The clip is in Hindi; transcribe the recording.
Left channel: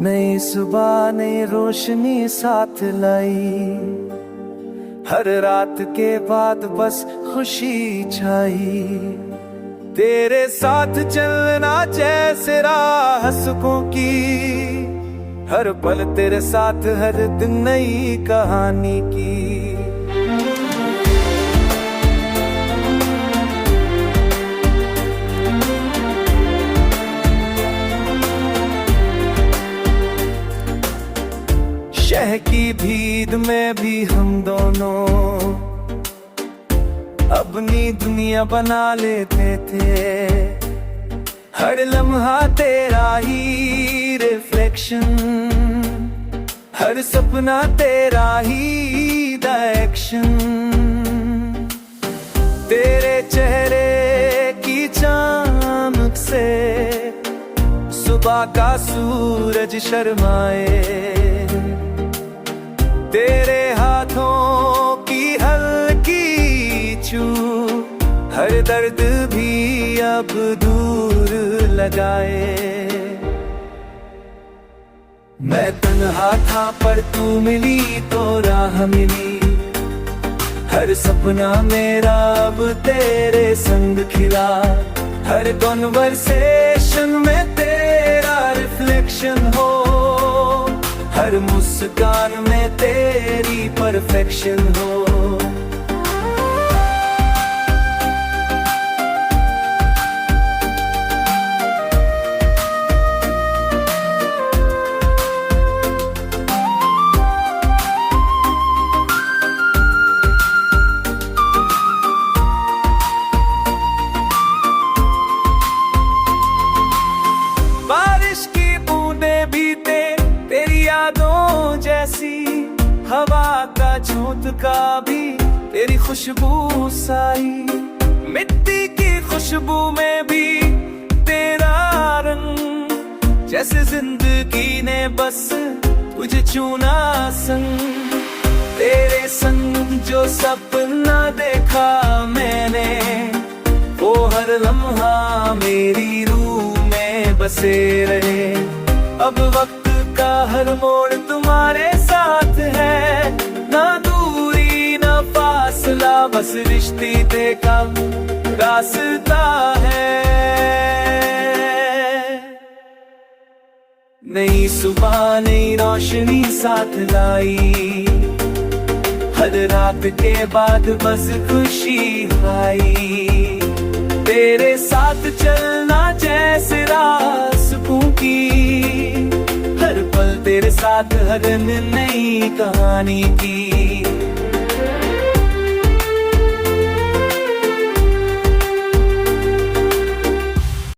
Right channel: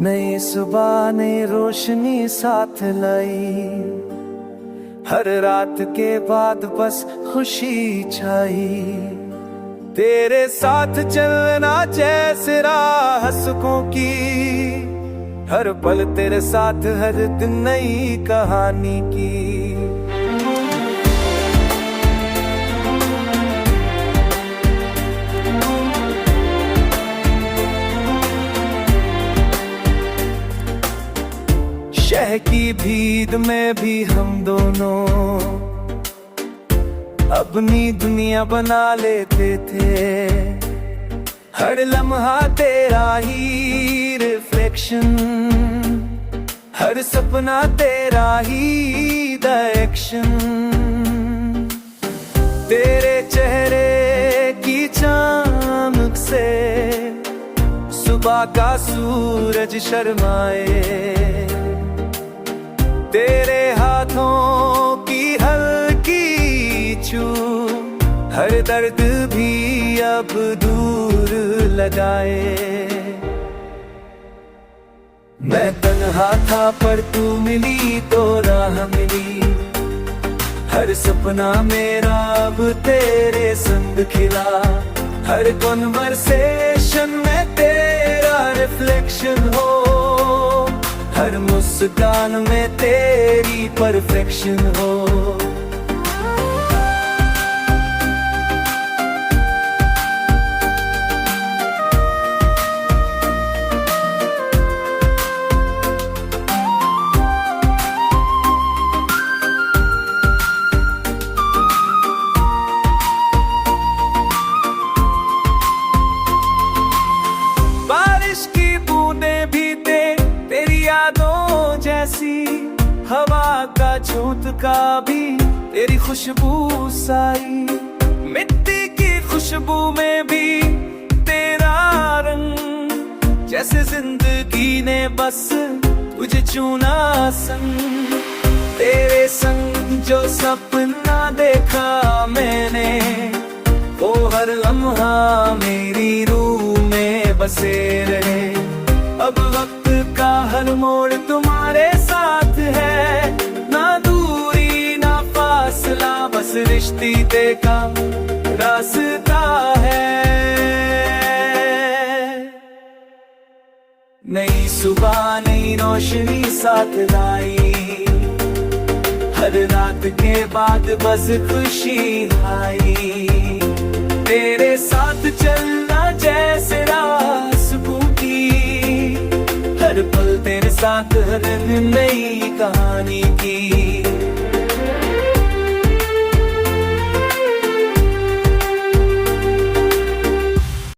नई सुबह नई रोशनी साथ लाई, हर रात के बाद बस खुशी छाई। तेरे साथ चलना जैसे राह सुखों की, हर पल तेरे साथ हर दिन नई कहानी की। शहर की भीड़ में भी हम दोनों अपनी दुनिया बना लेते थे। हर लम्हा तेरा ही रिफ्लेक्शन, हर सपना तेरा ही डायरेक्शन। तेरे चेहरे की चमक से सुबह का सूरज शर्माए। तेरे हाथों की हल्की छू हर दर्द भी अब दूर लगाए। मैं तन्हा था पर तू मिली तो राह मिली, हर सपना मेरा अब तेरे संग खिला। हर कॉन्वर्सेशन में तेरा रिफ्लेक्शन हो, हर मुस्कान में तेरी परफेक्शन हो। बारिश की बूंदें भी तेरी यादों जैसी, हवा का झोंका भी तेरी खुशबू साई। मिट्टी की खुशबू में भी तेरा रंग, जैसे जिंदगी ने बस तुझे चुना संग। तेरे संग जो सपना देखा मैंने, वो हर लम्हा मेरी रूह में बसे रहे। अब वक्त का हर मोड़ तुम्हारे साथ है, ना दूरी ना फासला, बस रिश्ते का रास्ता है। नई सुबह नई रोशनी साथ लाई, हर रात के बाद बस खुशी आई। तेरे साथ चलना जैसे राह सुकून की, हर पल तेरे साथ हर नई कहानी की।